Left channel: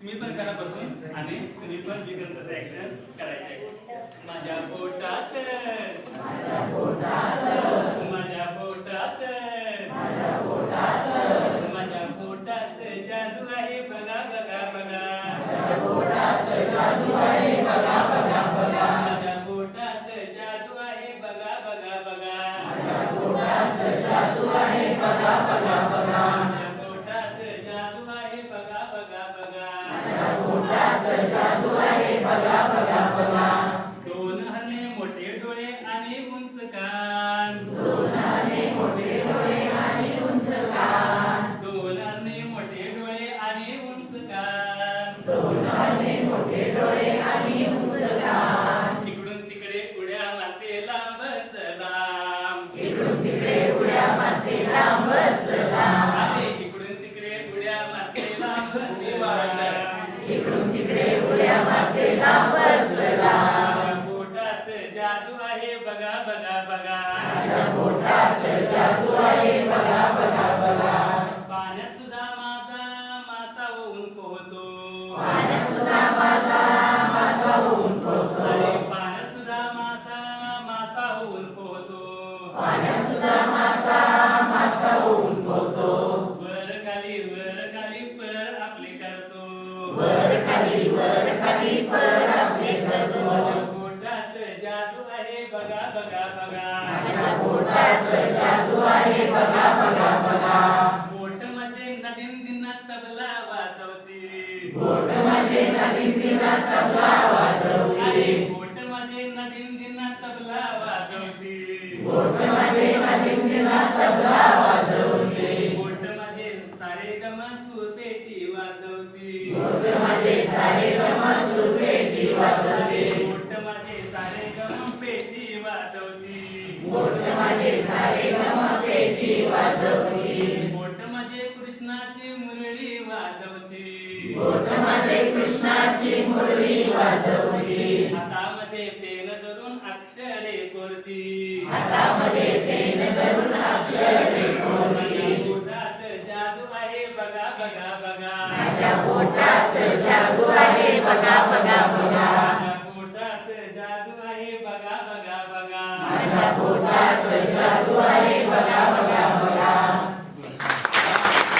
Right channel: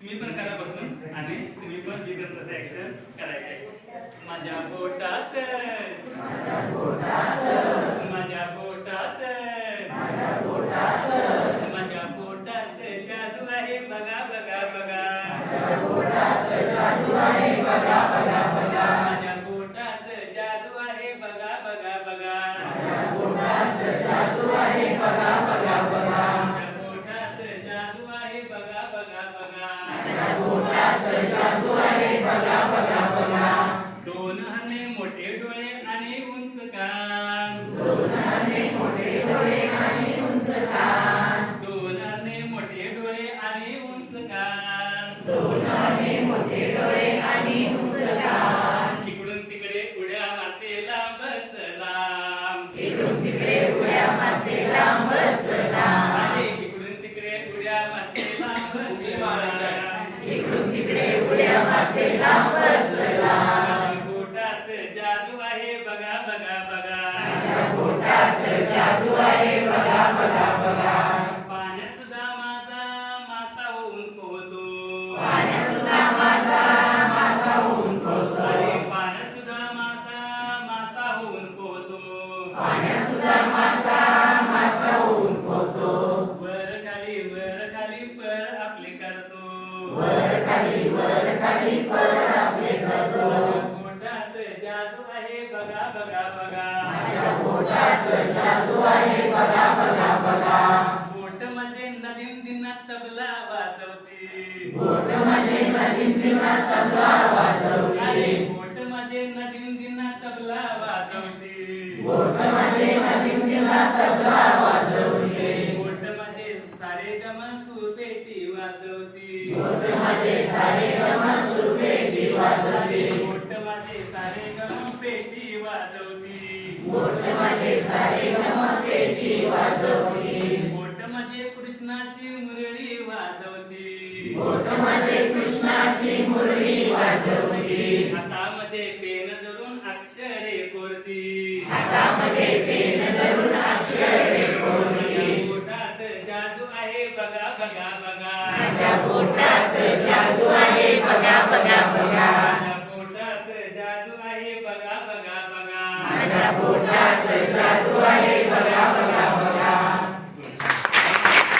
तुम्ही पण करा बसून आणि तुम्ही पण जी करत तसं ऍक्शन करायचं. माझ्या पोटात माझ्या पोटात माझ्या पोटात माझ्या पोटात जादू आहे बघा बघा बघा. माझ्या पोटात जादू आहे बघा बघा बघा. माझ्या पोटात जादू आहे बघा बघा बघा. माझ्या पोटात जादू आहे बघा बघा बघा. माझ्या पोटात जादू आहे बघा बघा बघा. माझ्या पोटात जादू आहे बघा बघा बघा. दोन हरणे मोठे डोळे आणि उंच कान. दोन हरणे मोठे डोळे आणि उंच कान. दोन हरणे मोठे डोळे आणि उंच कान. दोन हरणे मोठे डोळे आणि उंच कान. इकडून तिकडे उड्या मारते लांबच लांब. इकडून तिकडे उड्या मारते लांबच लांब. आले इकडून तिकडे उड्या मारते लांबच लांब. इकडून तिकडे उड्या मारते लांबच लांब. माझ्या पोटात जादू आहे बघा बघा बघा. माझ्या पोटात जादू आहे बघा बघा बघा. पाण्यात सुद्धा माझा मासा होऊन पोहतो. पाण्यात सुद्धा माझा मासा होऊन पोहतो. अरे पाण्यात सुद्धा मासा होऊन पोहतो. पाण्यात सुद्धा मासा होऊन पोहतो. वर खाली पर आपले करतो. वर खाली पर आपले करतो. माझ्या पोटात जादू आहे बघा बघा बघा. माझ्या पोटात जादू आहे बघा बघा बघा. बोट म्हणजे नदीन दिनात तबला वाजवते. बोट म्हणजे नदीन दिनात तबला वाजवते. अरे बोट म्हणजे नदीन दिनात तबला वाजवते. बोट म्हणजे नदीन दिनात तबला वाजवते. बोट म्हणजे सारे गम सुरपेटी वाजवते. बोट म्हणजे सारे गम सुरपेटी वाजवते. बोट म्हणजे सारे गम पेटी वाजवते. बोट म्हणजे सारे गम पेटी वाजवते. बोट म्हणजे कृष्णाची मुरळी वाजवते. बोट म्हणजे कृष्णाची मुरळी वाजवते. हातामध्ये पेन धरून अक्षरे कोरती. हातामध्ये पेन धरून अक्षरे कोरती. पोटात जादू आहे बघा बघा बघा. माझ्या पोटात जादू आहे बघा बघा बघा. माझ्या पोटात जादू आहे बघा बघा बघा. माझ्या पोटात जादू आहे